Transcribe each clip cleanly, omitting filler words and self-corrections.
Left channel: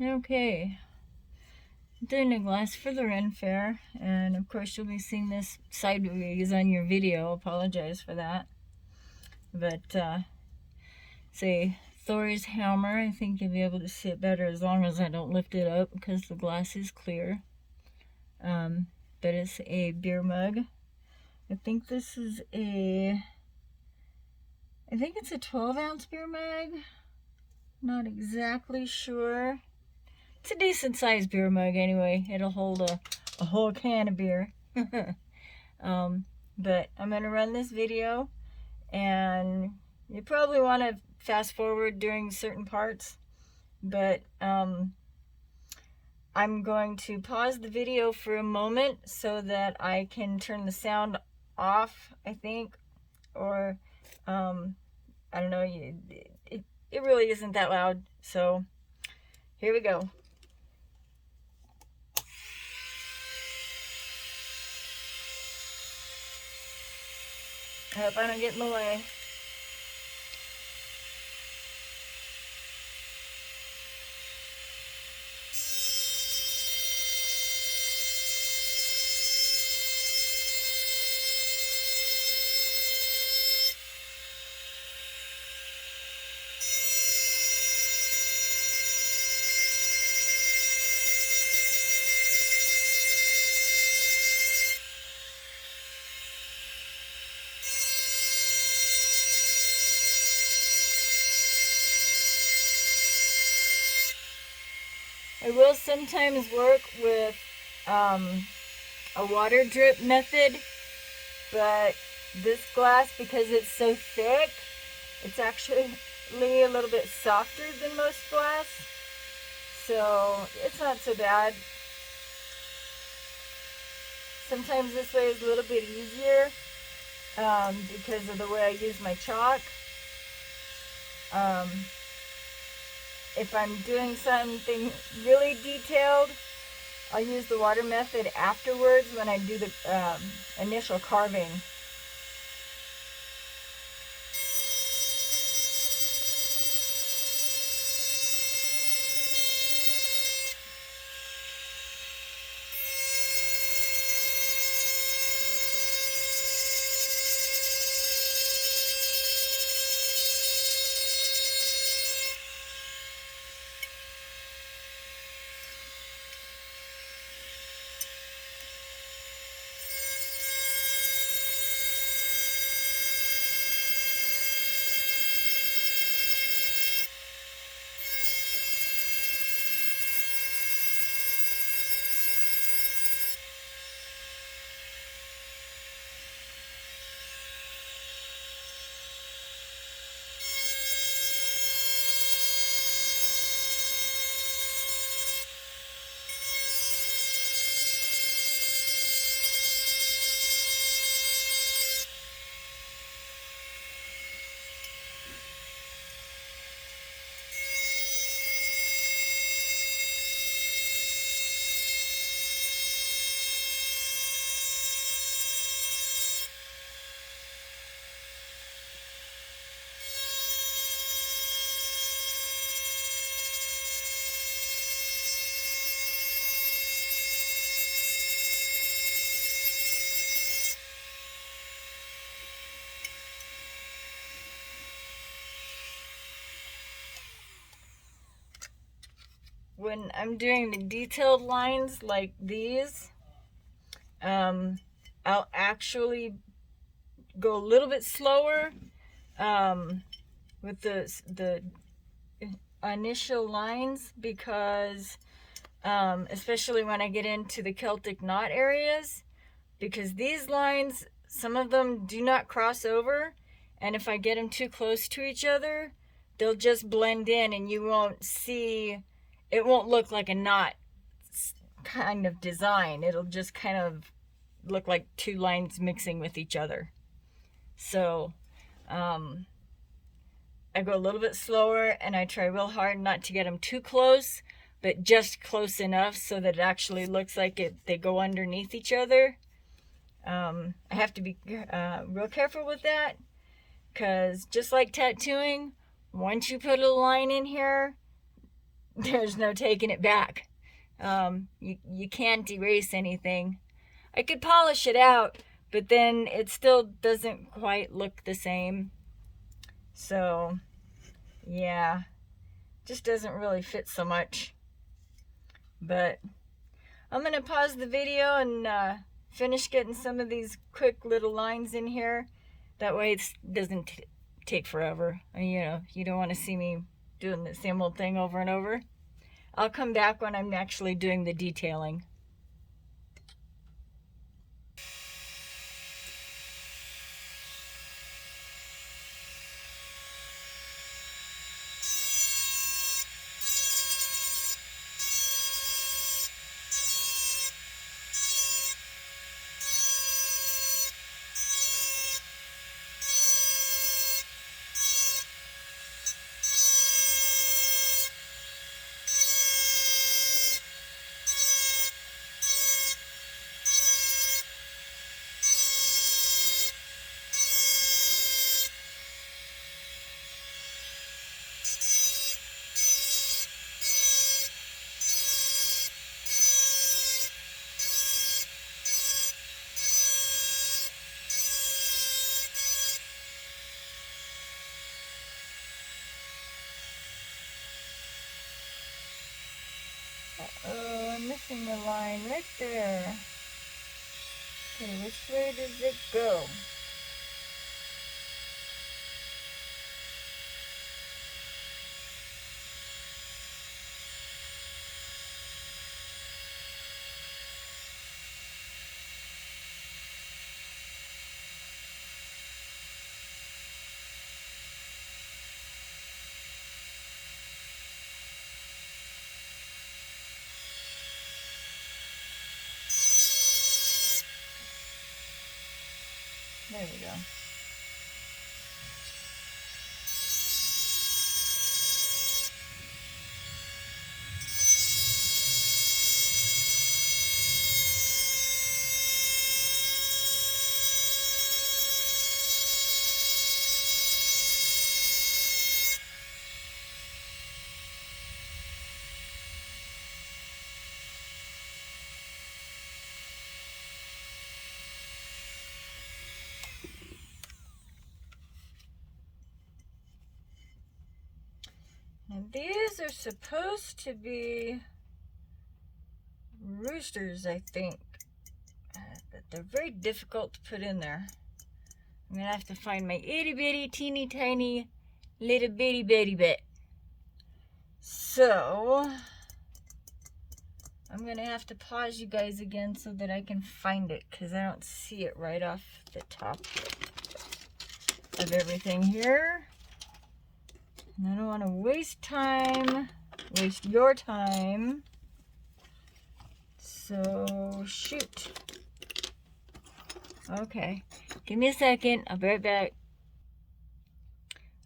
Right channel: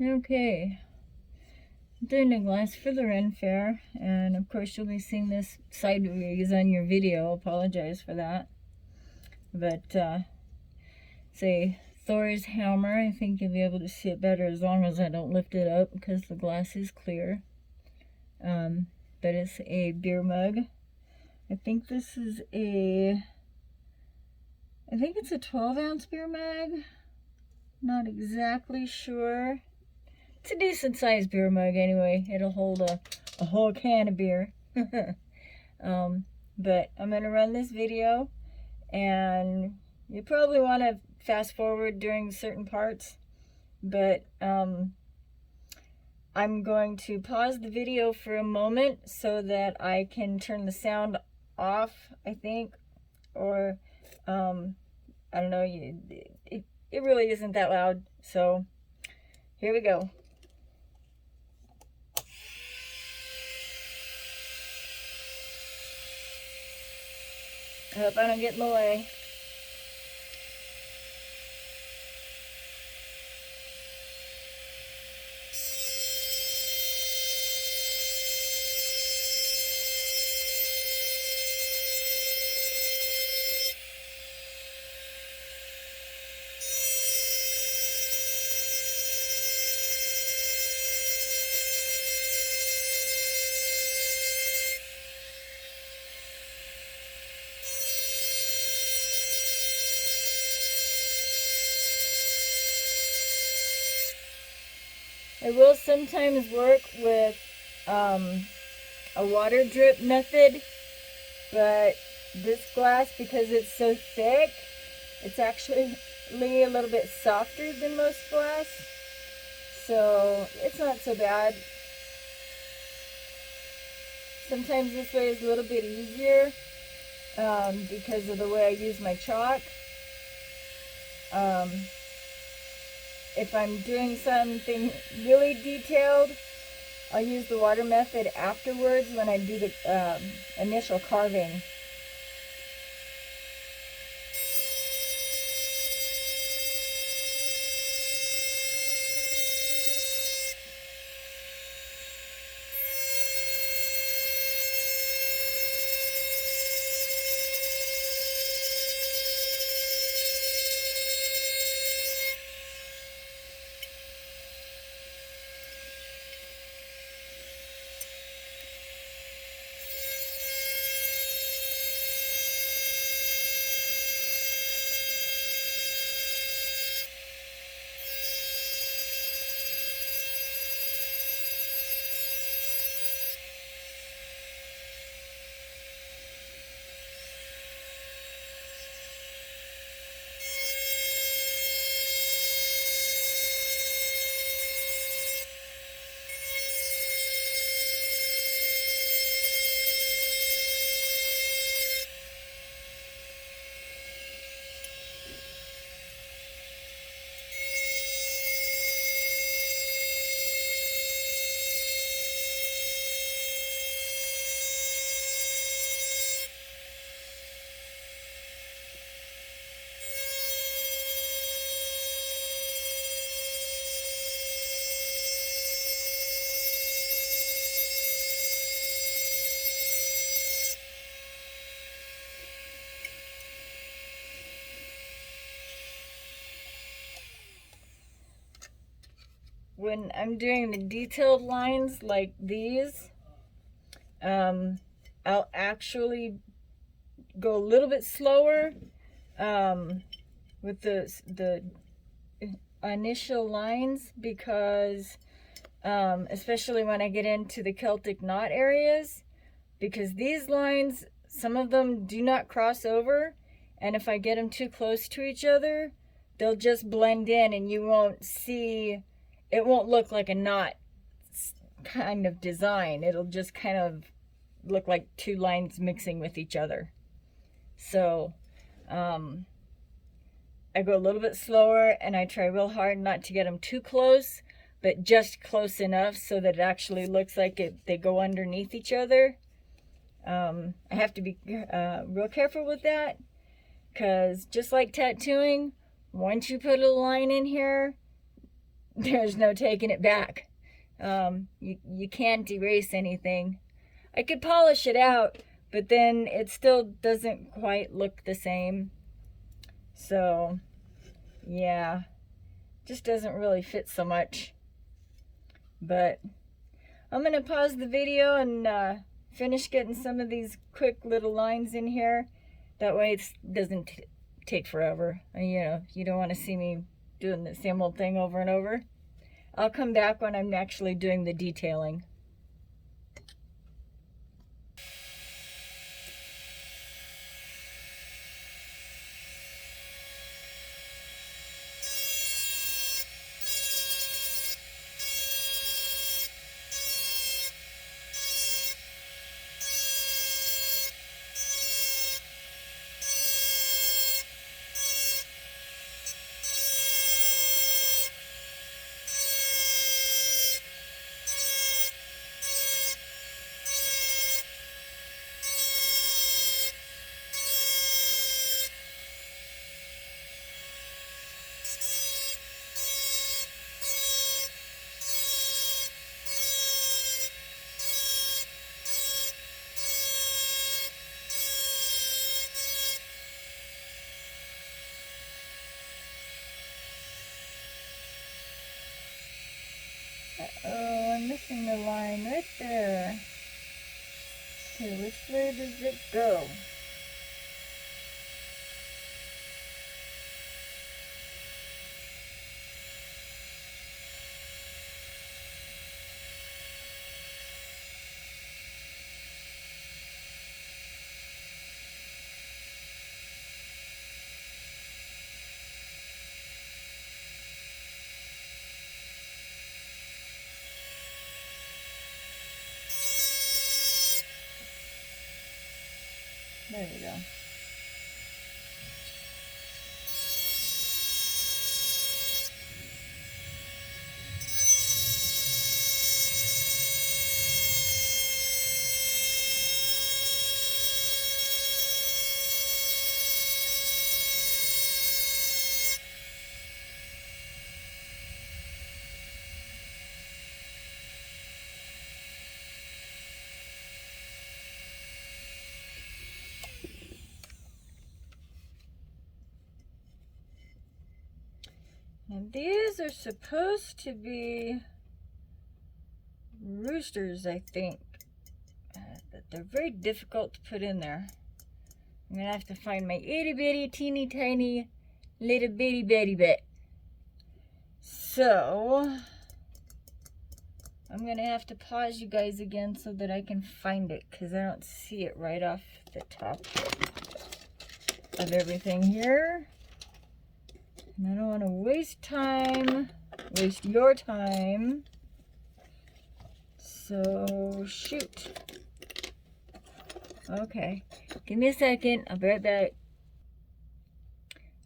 Okay, doing the glass for the Ren Fair, and of course you'll be seeing this sideways on your video. Apologize for that. But it's a Thors hammer. I think you'll be able to see it better as long as I don't lift it up because the glass is clear. But it's a beer mug. I think it's a 12-ounce beer mug. Not exactly sure. It's a decent sized beer mug anyway. It'll hold a whole can of beer. But I'm going to run this video, and you probably want to fast forward during certain parts, but I'm going to pause the video for a moment so that I can turn the sound off, I think, or I don't know, it really isn't that loud, so here we go. I hope I don't get in the way. I will sometimes work with a water drip method, but this glass, because it's so thick, it's actually a little bit softer than most glass, so it's not so bad. Sometimes this way is a little bit easier because of the way I use my chalk. If I'm doing something really detailed, I'll use the water method afterwards when I do the initial carving. When I'm doing the detailed lines like these, I'll actually go a little bit slower with the initial lines because especially when I get into the Celtic knot areas, because these lines, some of them do not cross over, and if I get them too close to each other, they'll just blend in and you won't see, it won't look like a knot kind of design. It'll just kind of look like two lines mixing with each other. So I go a little bit slower and I try real hard not to get them too close, but just close enough so that it actually looks like they go underneath each other. I have to be real careful with that, because just like tattooing, once you put a line in here, there's no taking it back. You can't erase anything. I could polish it out, but then it still doesn't quite look the same. So, yeah, just doesn't really fit so much. But I'm going to pause the video and finish getting some of these quick little lines in here. That way it doesn't take forever. You know, you don't want to see me doing the same old thing over and over. I'll come back when I'm actually doing the detailing. Oh, I'm missing the line right there. Okay, which way does it go? There we go. And these are supposed to be roosters, I think. But they're very difficult to put in there. I'm going to have to find my itty bitty, teeny tiny, little bitty bit. So, I'm going to have to pause you guys again so that I can find it, because I don't see it right off the top of everything here. And I don't want to waste your time. So, shoot. Okay, give me a second. I'll be right back.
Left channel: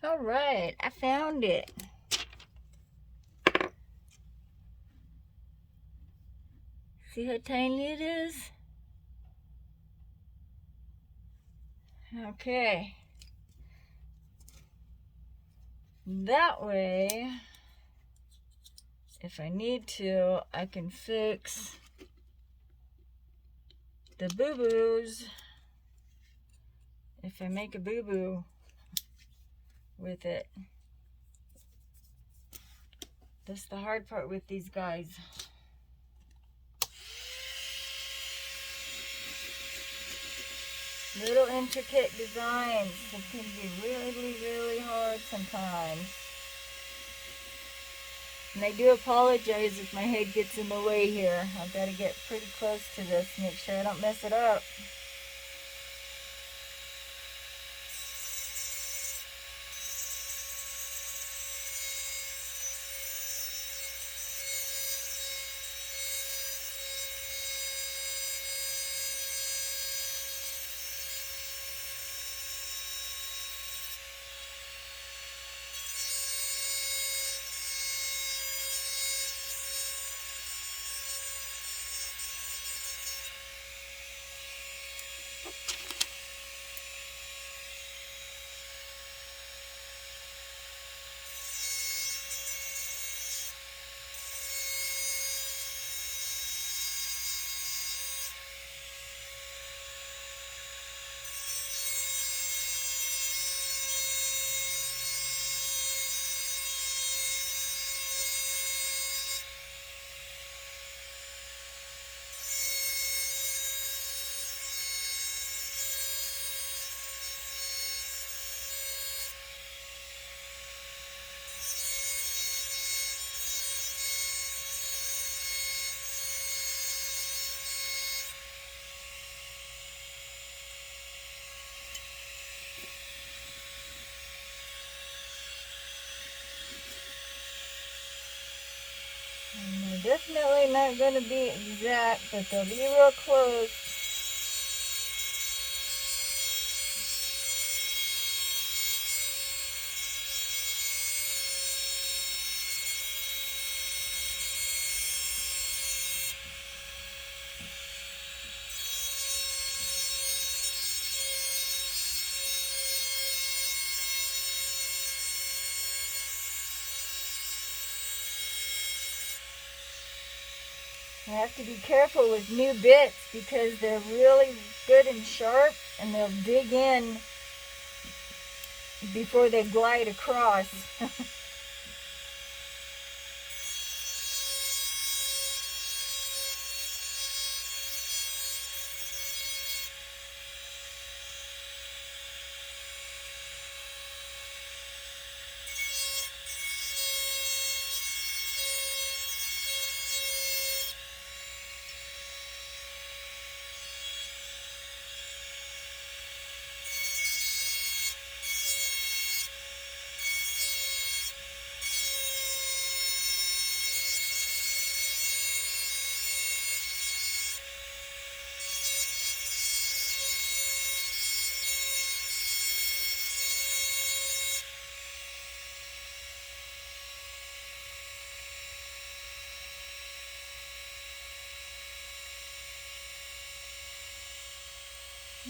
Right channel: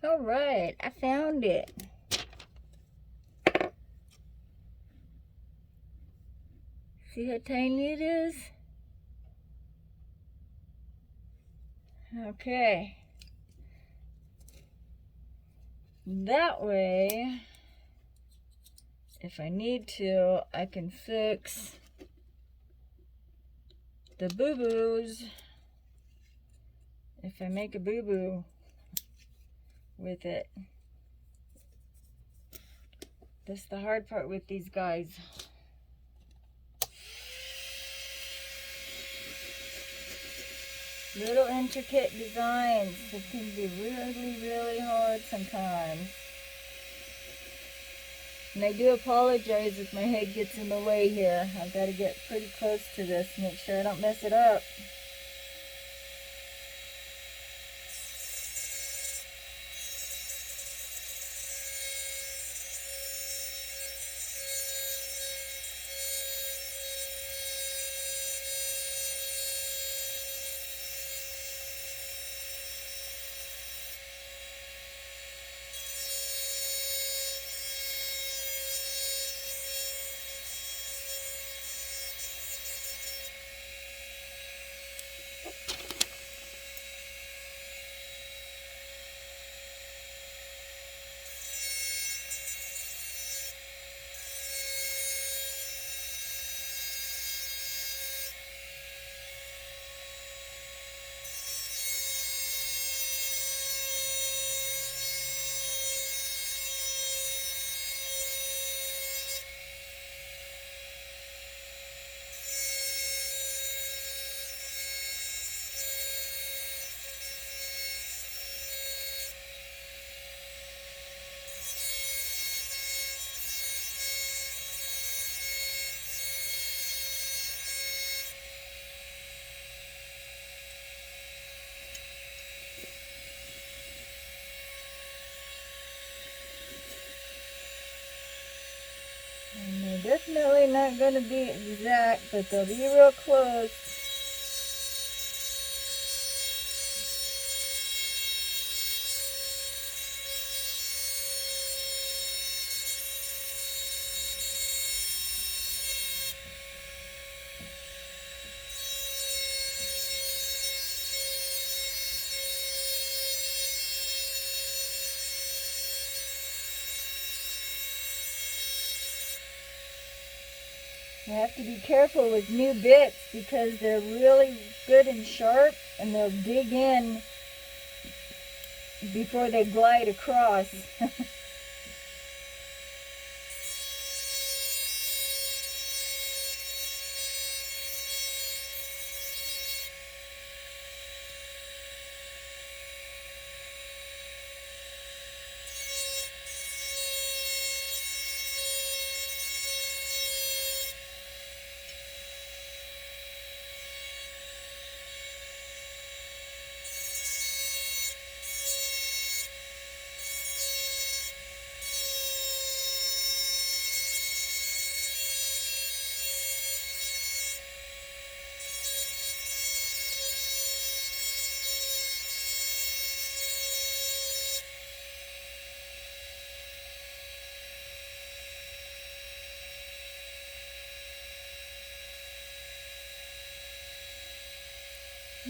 All right, I found it. See how tiny it is? Okay. That way, if I need to, I can fix the boo-boos if I make a boo-boo with it. That's the hard part with these guys. Little intricate designs that can be really, really hard sometimes. And I do apologize if my head gets in the way here. I've got to get pretty close to this, make sure I don't mess it up. And they're definitely not going to be exact, but they'll be real close. You have to be careful with new bits because they're really good and sharp, and they'll dig in before they glide across.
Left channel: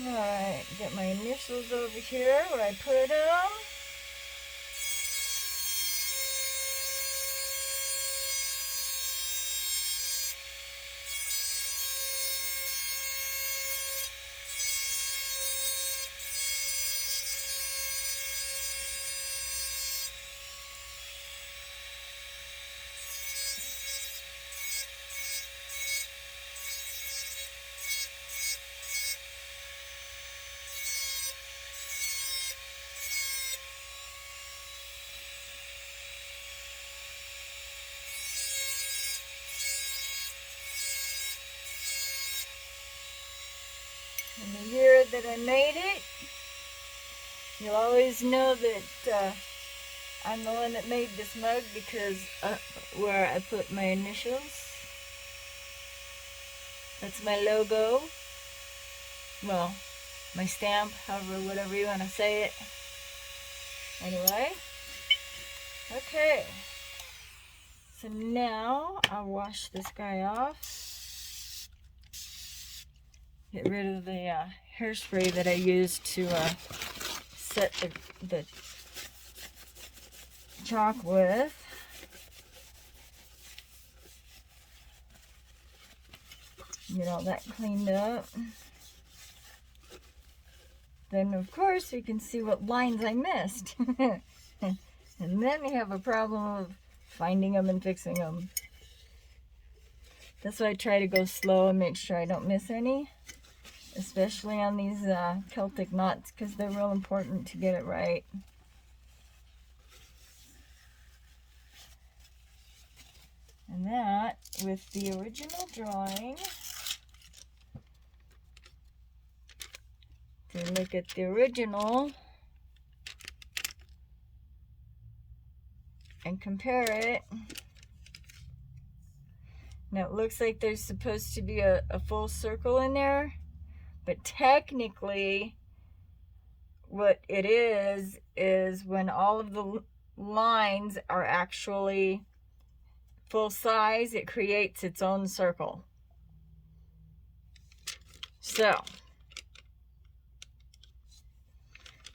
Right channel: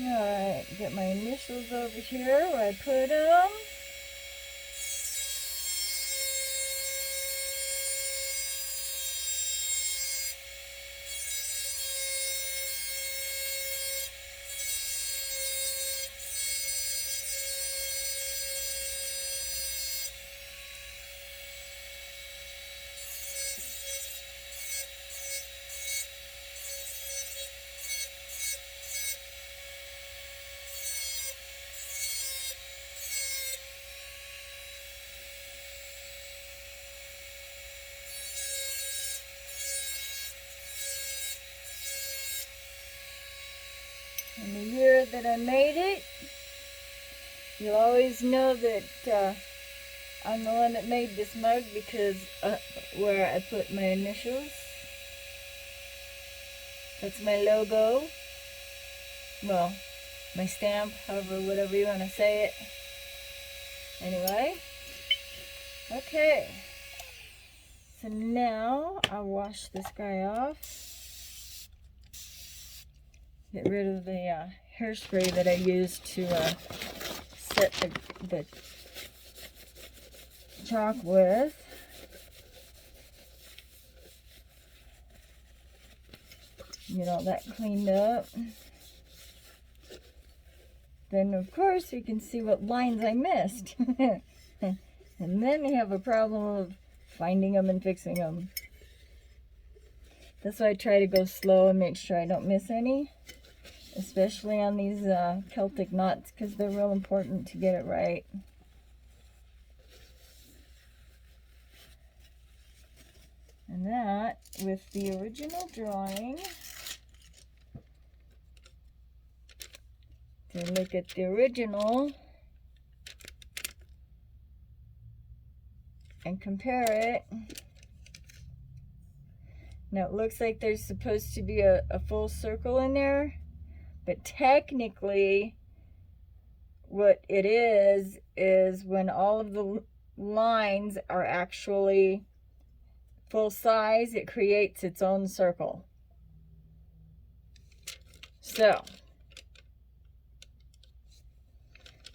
Alright, get my initials over here where I put them. And the year that I made it, you'll always know that I'm the one that made this mug because where I put my initials. That's my logo. Well, my stamp, however, whatever you want to say it. Anyway, okay. So now I'll wash this guy off. Get rid of the hairspray that I used to set the chalk with. Get all that cleaned up. Then of course you can see what lines I missed. And then you have a problem of finding them and fixing them. That's why I try to go slow and make sure I don't miss any. Especially on these Celtic knots, because they're real important to get it right. And that, with the original drawing, to look at the original and compare it. Now it looks like there's supposed to be a full circle in there, but technically what it is when all of the lines are actually full size, it creates its own circle. So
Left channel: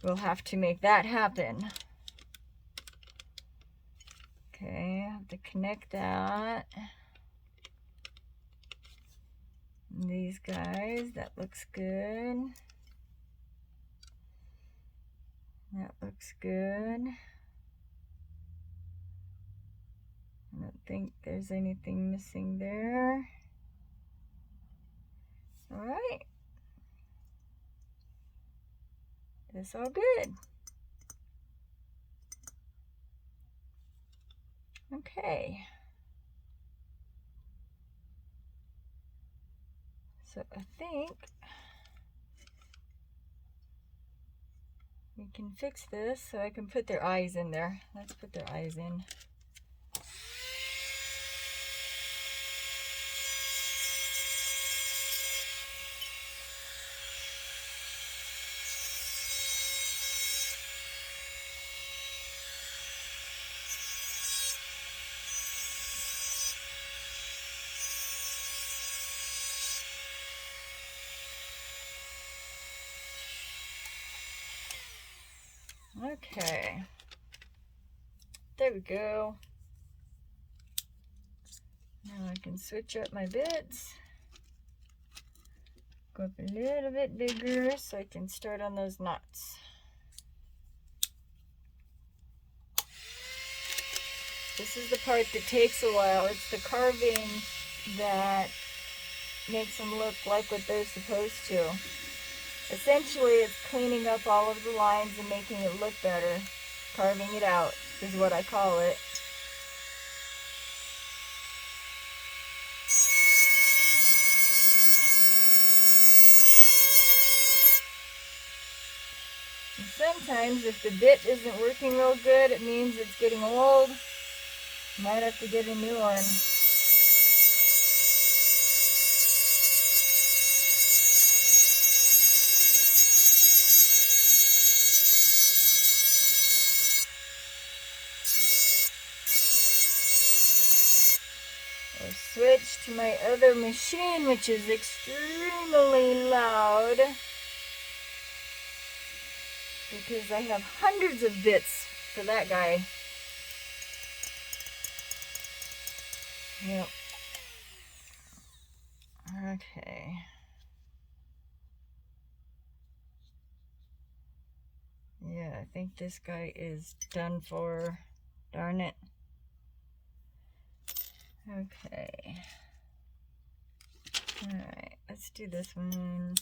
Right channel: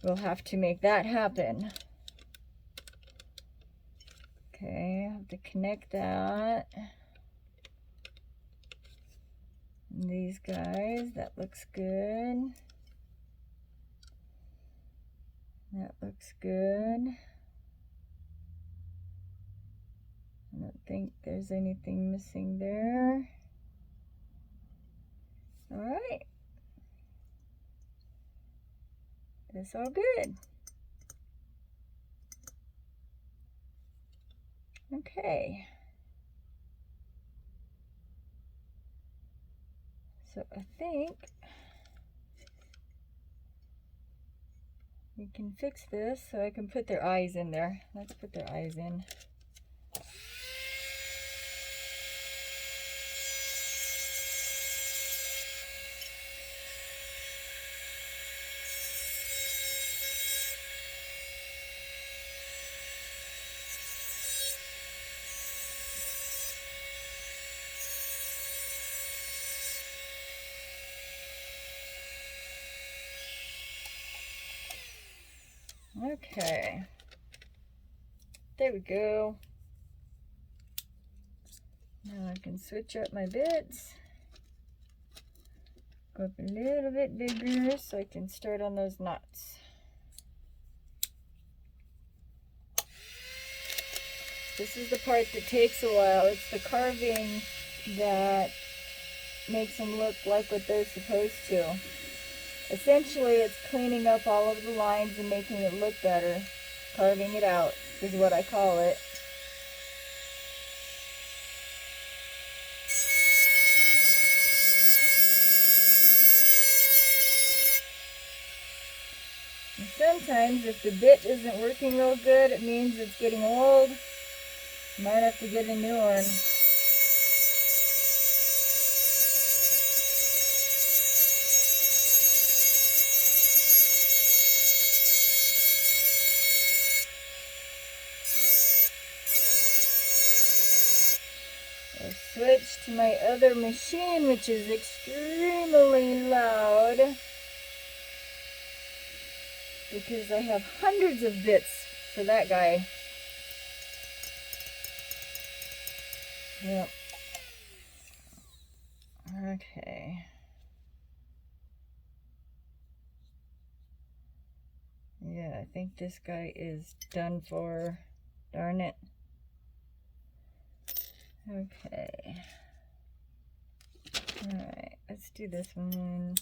we'll have to make that happen. Okay, I have to connect that. And these guys, that looks good. That looks good. I don't think there's anything missing there. All right. That's all good. Okay. So I think we can fix this so I can put their eyes in there. Let's put their eyes in. Okay. There we go. Now I can switch up my bits. Go up a little bit bigger so I can start on those knots. This is the part that takes a while. It's the carving that makes them look like what they're supposed to. Essentially, it's cleaning up all of the lines and making it look better. Carving it out is what I call it. And sometimes if the bit isn't working real good, it means it's getting old. You might have to get a new one. I'll switch to my other machine, which is extremely loud, because I have hundreds of bits for that guy. Yep. Okay. Yeah, I think this guy is done for. Darn it. Okay. Alright, let's do this one.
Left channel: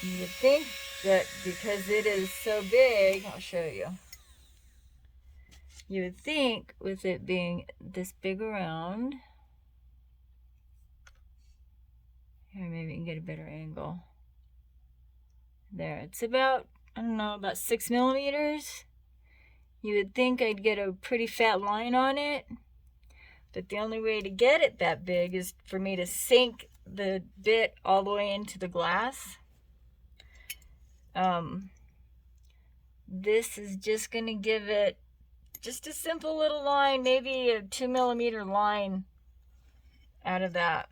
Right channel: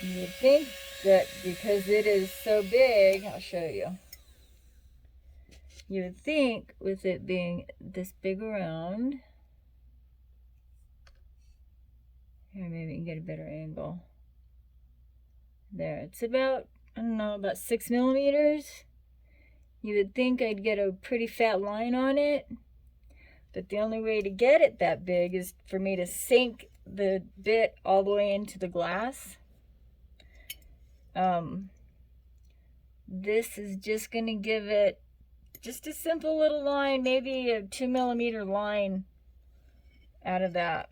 You would think that because it is so big, I'll show you. You would think with it being this big around, here maybe we can get a better angle. There, it's about, I don't know, about 6 millimeters. You would think I'd get a pretty fat line on it, but the only way to get it that big is for me to sink the bit all the way into the glass. This is just going to give it just a simple little line, maybe a 2 millimeter line out of that.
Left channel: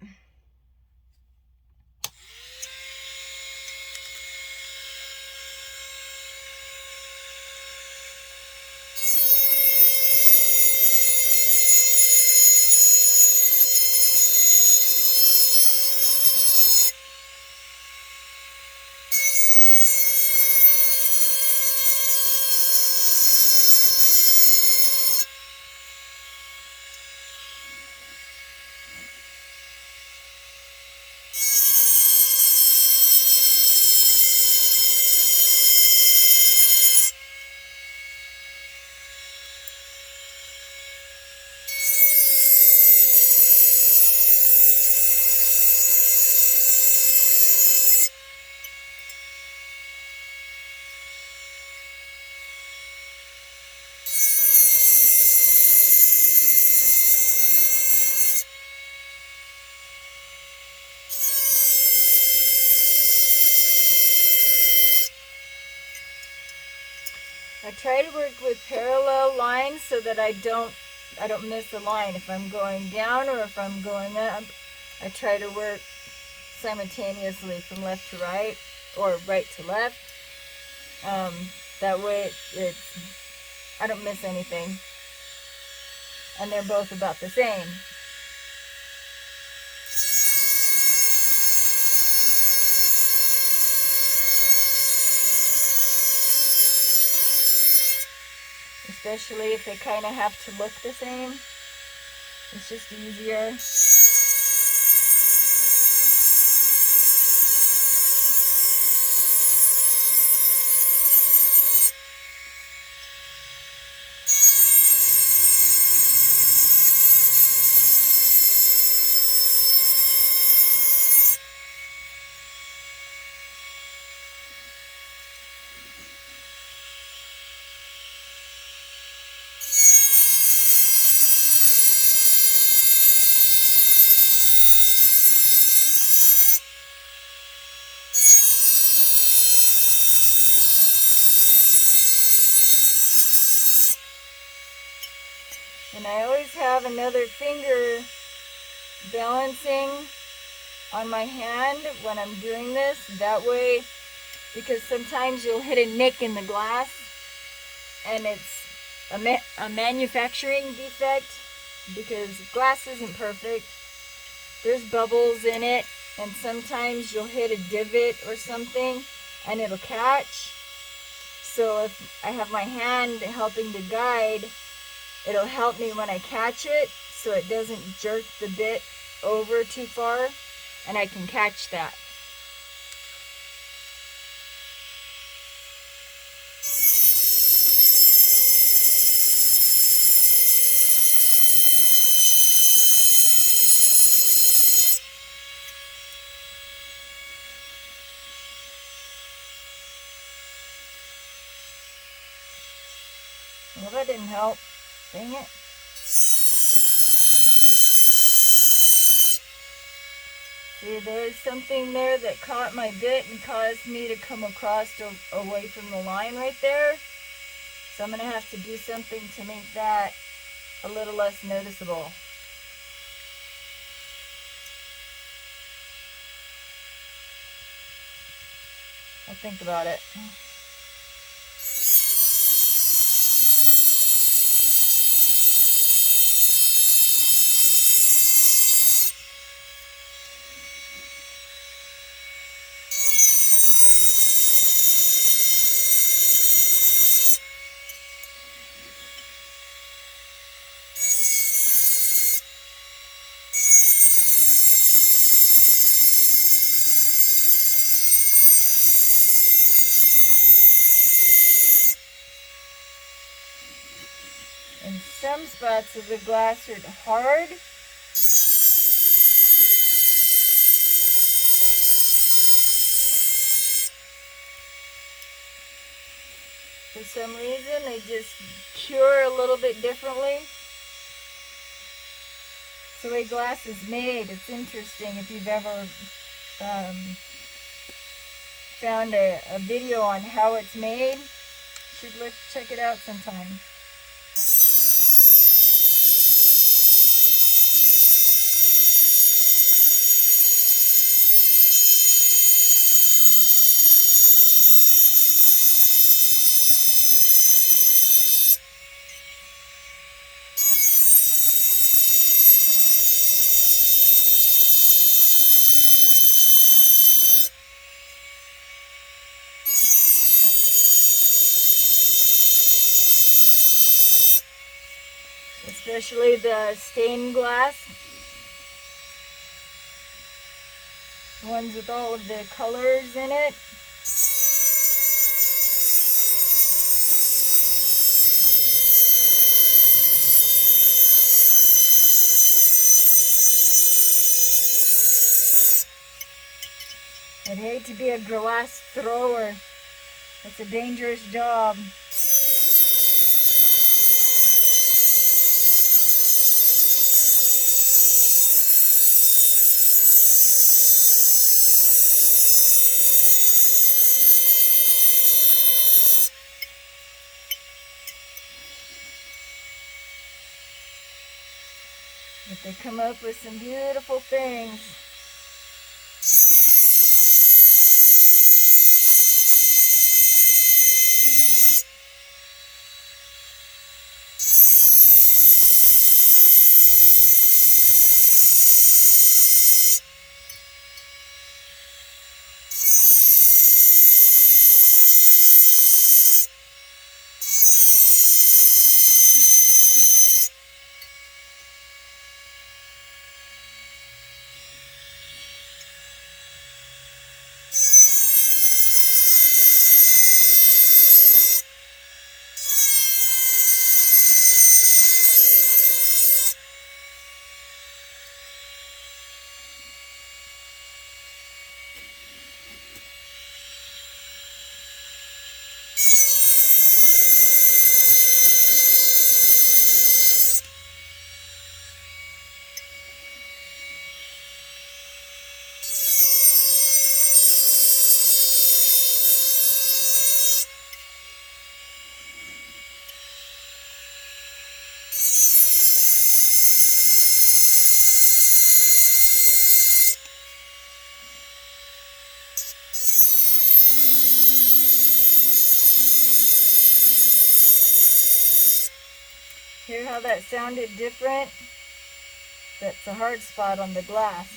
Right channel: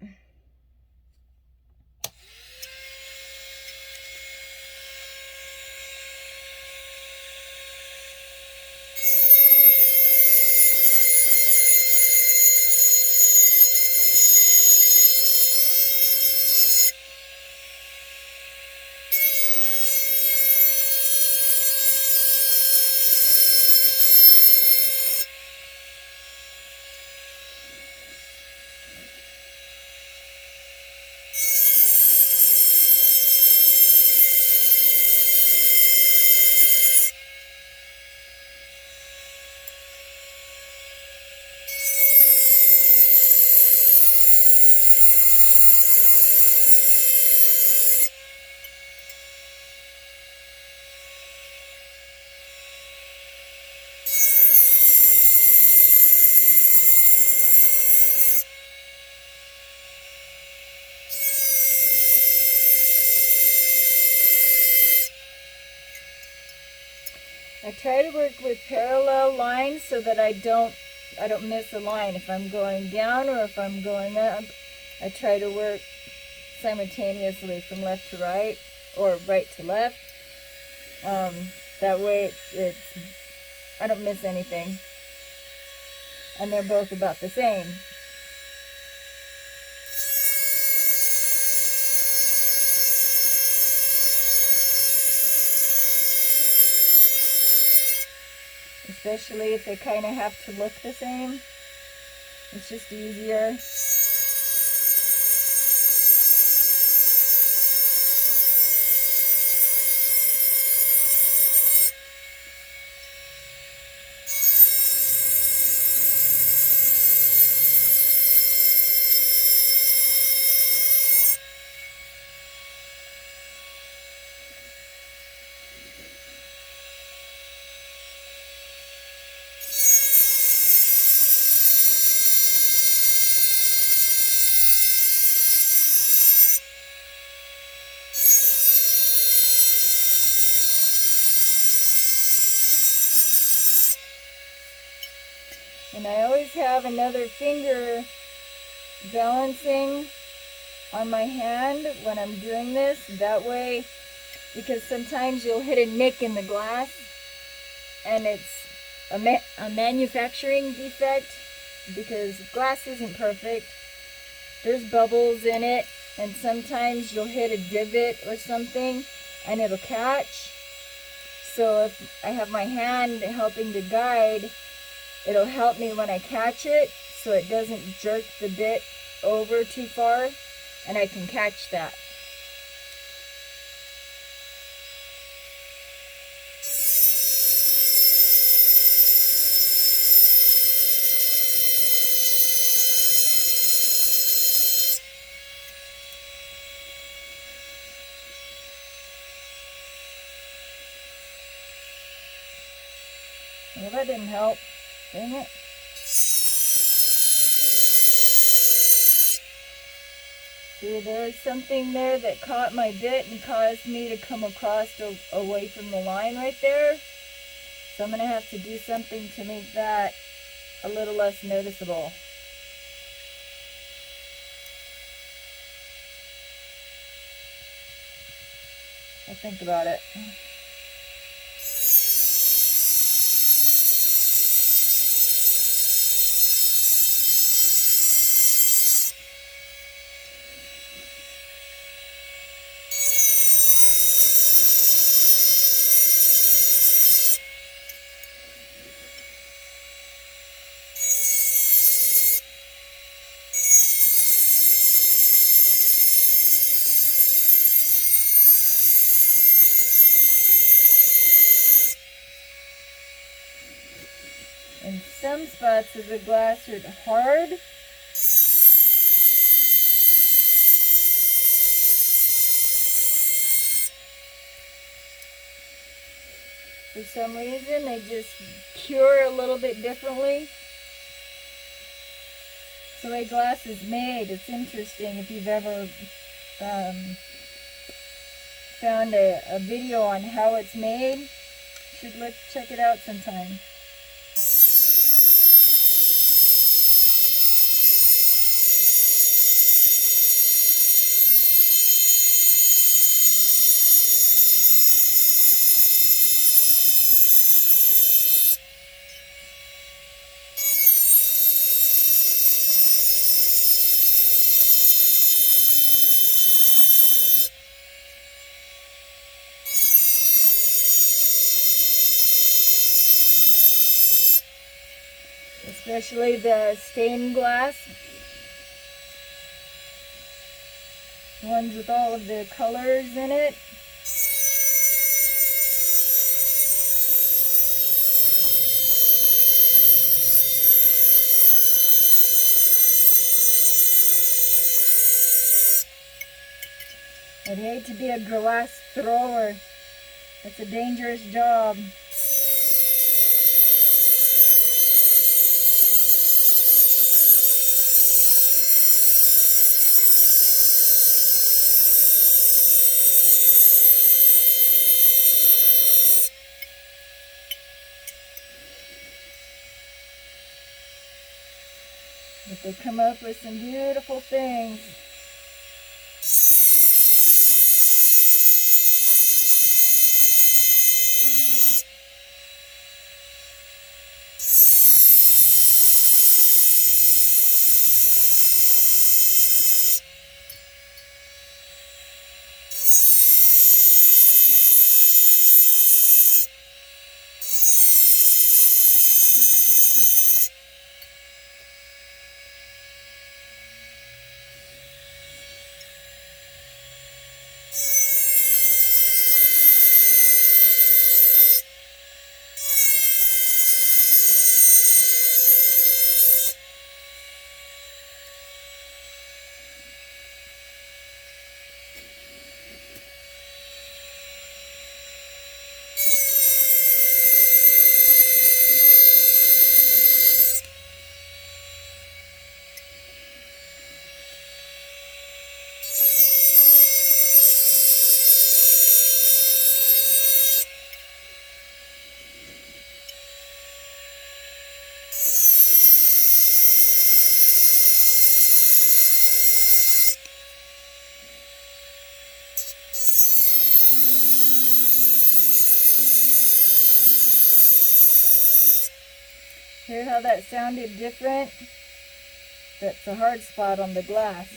I try to work with parallel lines so that I don't miss a line. If I'm going down or if I'm going up, I try to work simultaneously from left to right or right to left. That way I don't miss anything. And they're both about the same. Especially if they kind of have to look the same. It's just easier. And I always have another finger balancing on my hand when I'm doing this. That way, because sometimes you'll hit a nick in the glass and it's a manufacturing defect, because glass isn't perfect. There's bubbles in it, and sometimes you'll hit a divot or something and it'll catch. So if I have my hand helping to guide, it'll help me when I catch it so it doesn't jerk the bit over too far, and I can catch that. Well, that didn't help. Dang it. See, there's something there that caught my bit and caused me to come across away from the line right there. So I'm going to have to do something to make that a little less noticeable. I'll think about it. And some spots of the glass are hard. For some reason, they just cure a little bit differently. It's the way glass is made. It's interesting if you've ever found a video on how it's made. You should check it out sometime. Especially the stained glass. The ones with all of the colors in it. I'd hate to be a glass thrower. That's a dangerous job. But they come up with some beautiful things. Hear how that sounded different? That's a hard spot on the glass.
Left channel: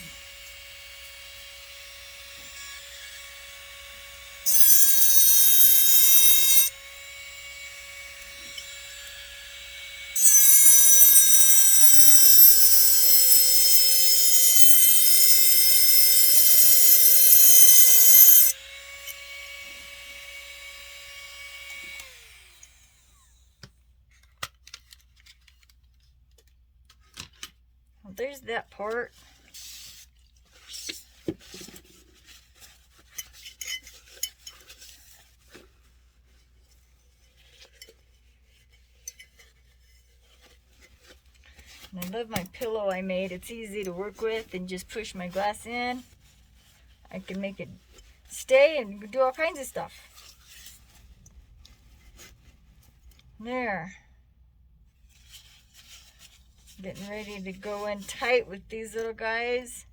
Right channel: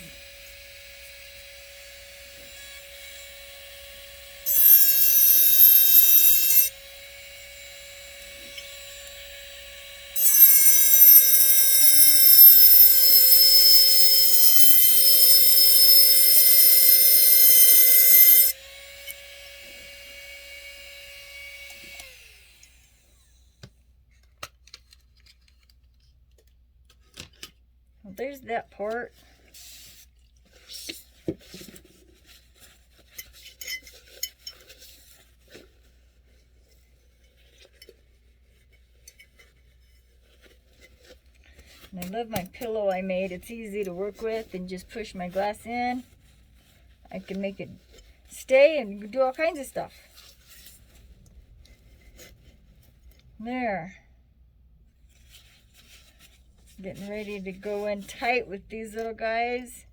Well, there's that part. And I love my pillow I made. It's easy to work with and just push my glass in. I can make it stay and do all kinds of stuff. There. Getting ready to go in tight with these little guys.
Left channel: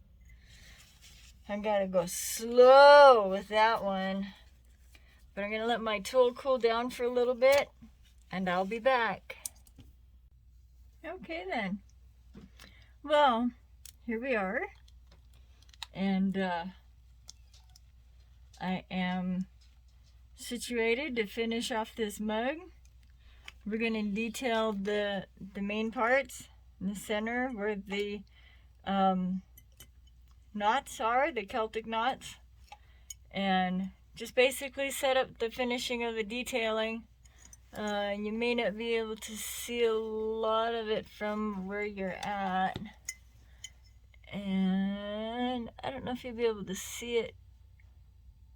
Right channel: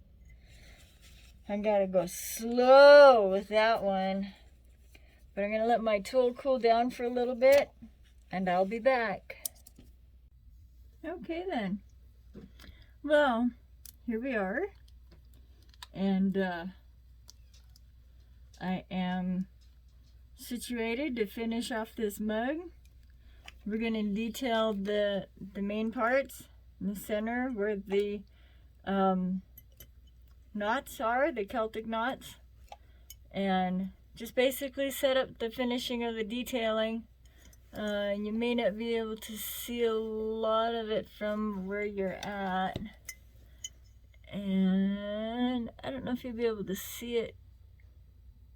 I gotta go slow with that one. But I'm gonna let my tool cool down for a little bit and I'll be back. Okay then. Well, here we are. And I am situated to finish off this mug. We're going to detail the main parts in the center where the knots are, the Celtic knots, and just basically set up the finishing of the detailing. You may not be able to see a lot of it from where you're at, and I don't know if you'll be able to see it.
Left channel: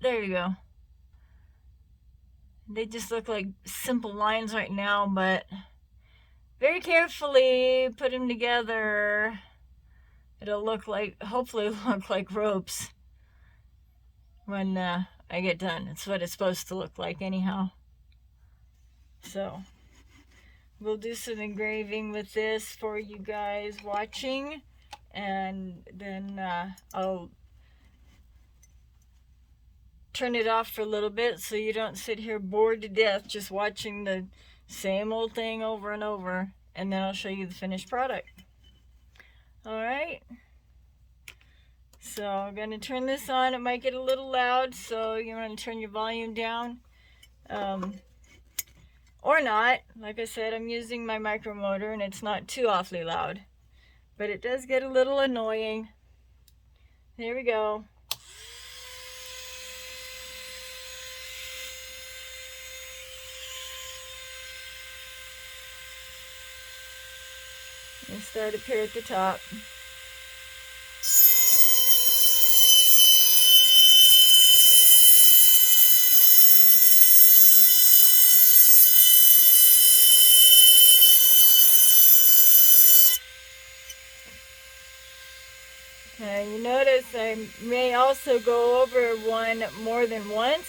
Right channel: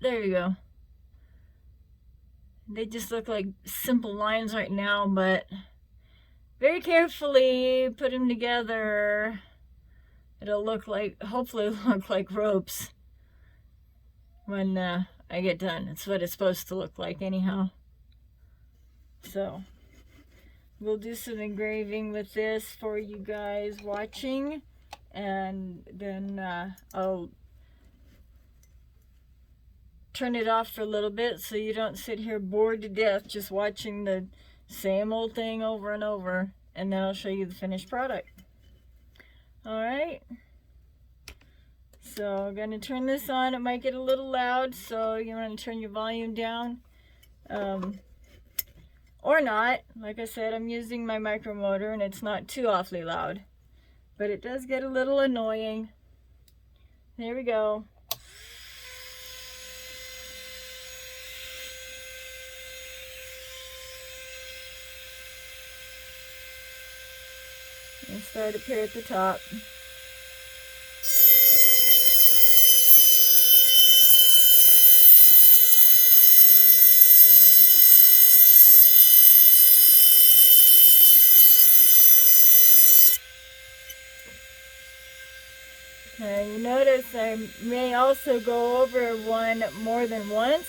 There you go. They just look like simple lines right now, but very carefully put them together. It'll look like, hopefully look like ropes when I get done. It's what it's supposed to look like anyhow. So we'll do some engraving with this for you guys watching, and then I'll turn it off for a little bit so you don't sit here bored to death just watching the same old thing over and over, and then I'll show you the finished product. Alright, so I'm going to turn this on. It might get a little loud, so you're going to turn your volume down, or not. Like I said, I'm using my micro motor and it's not too awfully loud, but it does get a little annoying. There we go. And start up here at the top. Now you notice I may also go over one more than once,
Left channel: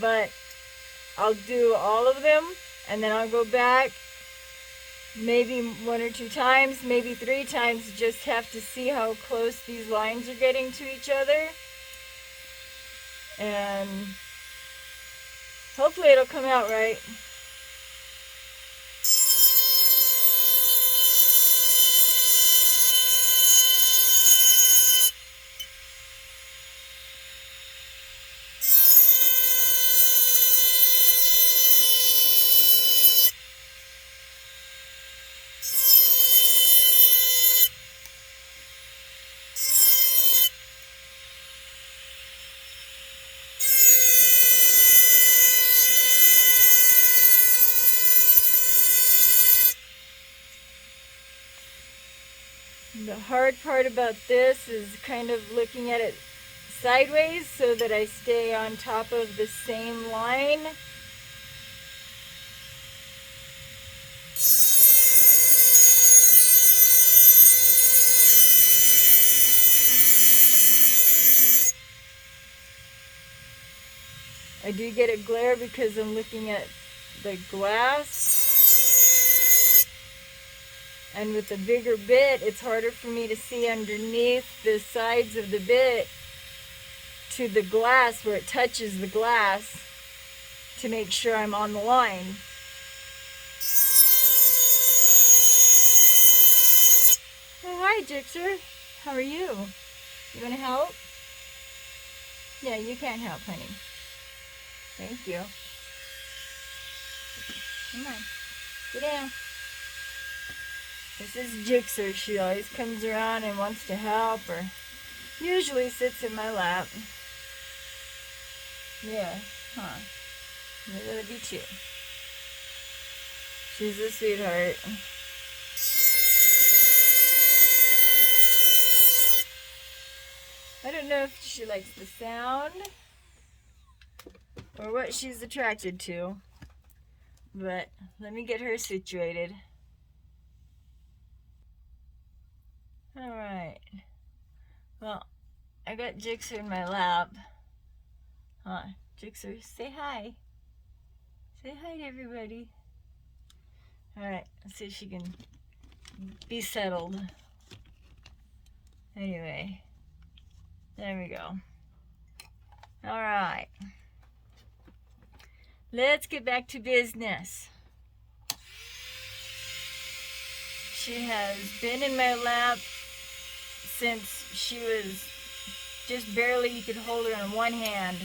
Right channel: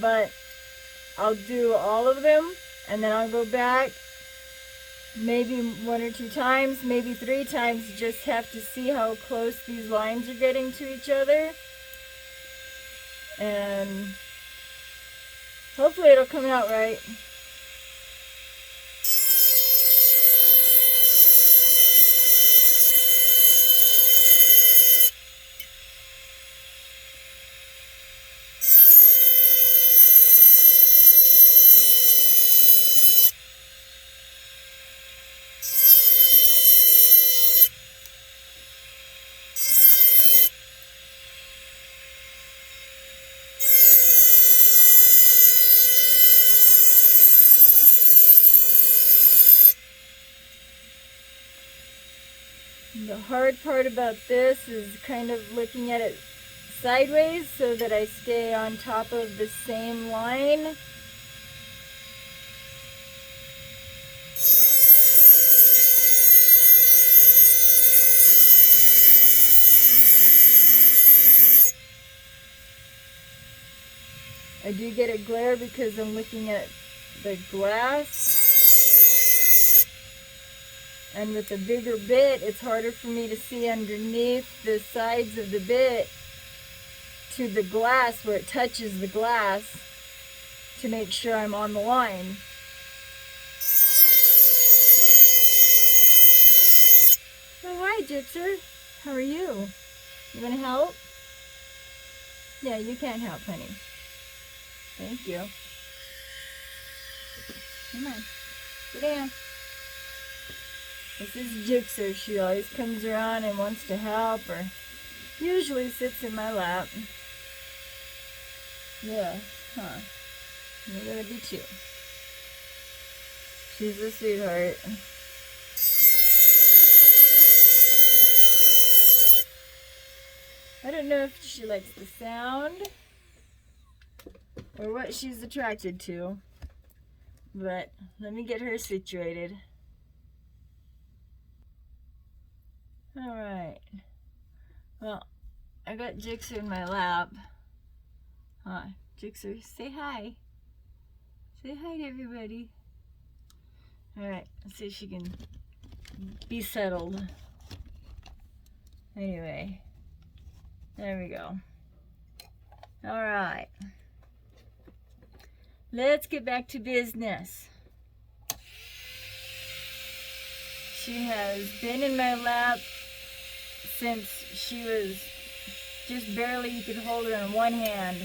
but I'll do all of them and then I'll go back maybe 1 or 2 times, maybe 3 times, just have to see how close these lines are getting to each other. And hopefully it'll come out right. The hard part about this is kind of looking at it sideways so that I stay on top of the same line. I do get a glare because I'm looking at the glass. And with a bigger bit, it's harder for me to see underneath the sides of the bit to the glass where it touches the glass to make sure I'm on the line. Hi, Jixer. How are you? You gonna help? Yeah, you can't help, honey. Thank you. Come on, sit down. This is Jixer. She always comes around and wants to help, or usually sits in my lap. Yes, huh? Maybe that'd be too. She's a sweetheart. I don't know if she likes the sound or what she's attracted to, but let me get her situated. All right. Well, I got Jixer in my lap. Huh? Jixer, say hi. Say hi to everybody. All right, let's see if she can be settled. Anyway, there we go. All right. Let's get back to business. She has been in my lap since she was just barely, you could hold her in one hand.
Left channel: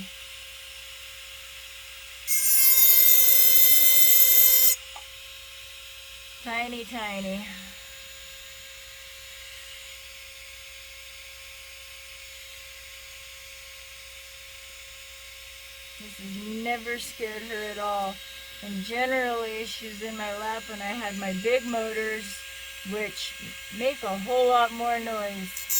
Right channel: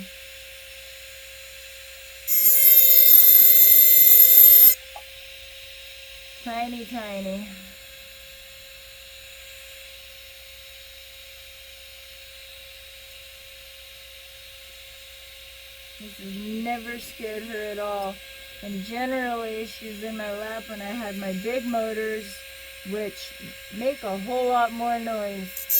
Tiny, tiny. This has never scared her at all. And generally, she's in my lap when I had my big motors, which make a whole lot more noise.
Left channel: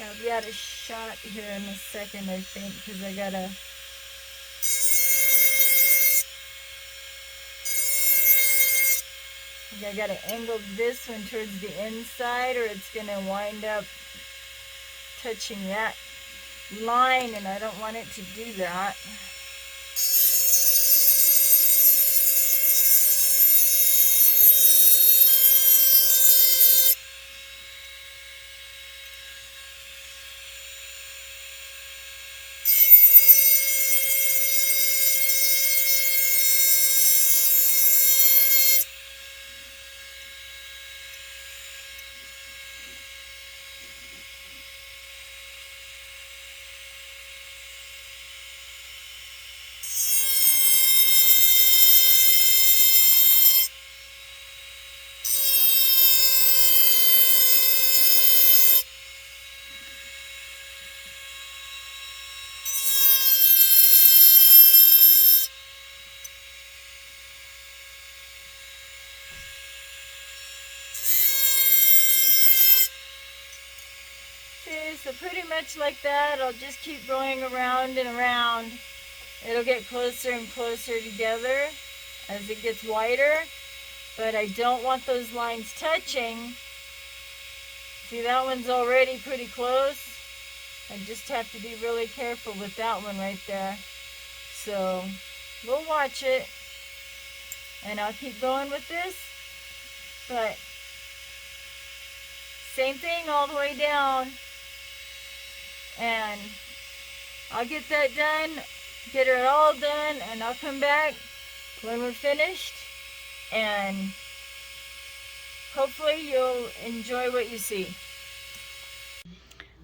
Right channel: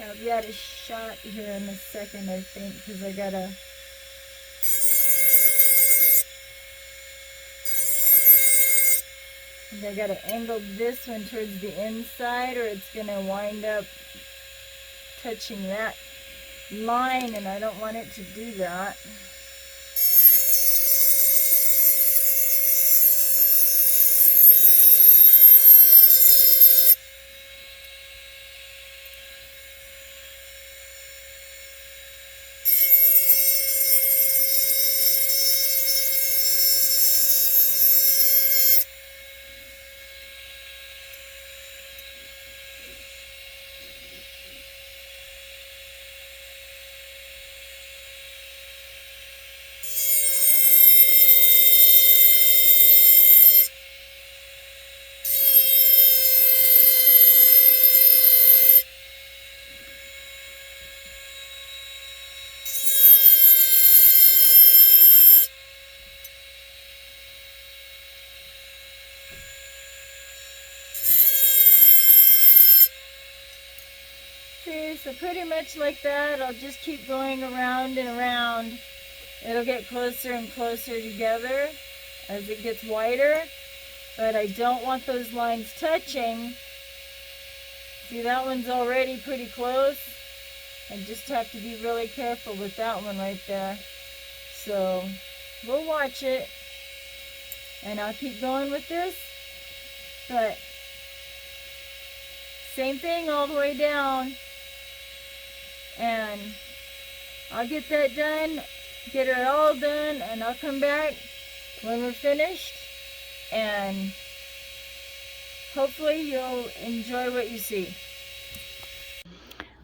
Yeah, I'll be out of shot here in a second, I think, because I gotta angle this one towards the inside, or it's gonna wind up touching that line, and I don't want it to do that. See, so pretty much like that, I'll just keep going around and around. It'll get closer and closer together as it gets wider, but I don't want those lines touching. See, that one's already pretty close. I just have to be really careful with that one right there. So we'll watch it, and I'll keep going with this, but same thing all the way down. And I'll get that done, get it all done, and I'll come back when we're finished, and hopefully you'll enjoy what you see.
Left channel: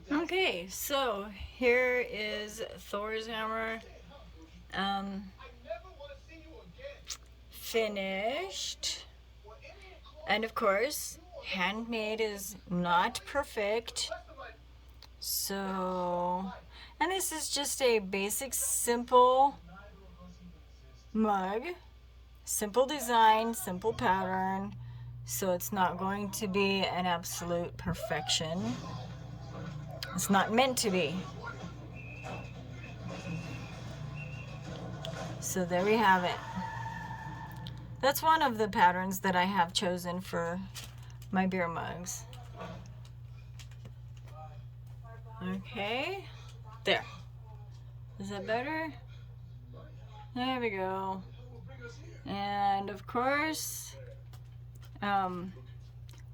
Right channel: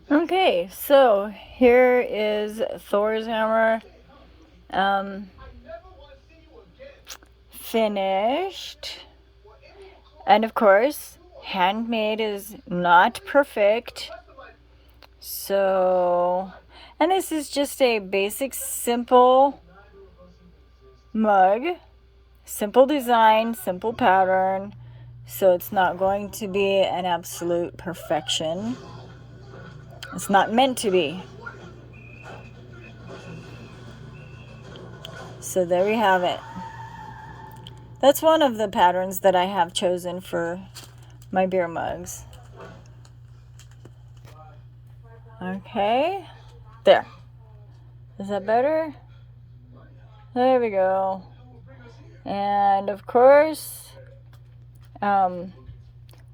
Okay, so here is Thor's hammer finished. And of course, handmade is not perfect. So, and this is just a basic, simple mug, simple design, simple pattern. So it's not going to be an absolute perfection. It's not meant to be. So there we have it. That's one of the patterns that I have chosen for my beer mugs. Okay, there. Is that better? There we go. And of course,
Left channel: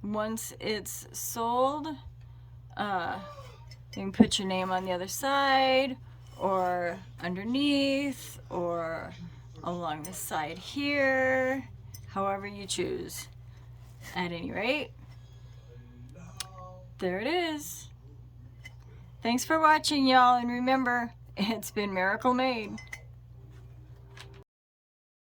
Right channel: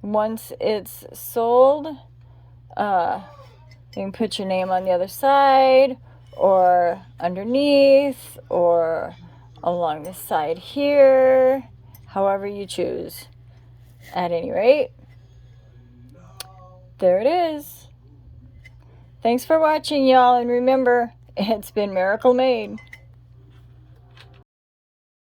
once it's sold, you can put your name on the other side or underneath or along the side here, however you choose. At any rate, there it is. Thanks for watching, y'all, and remember, it's been miracle made.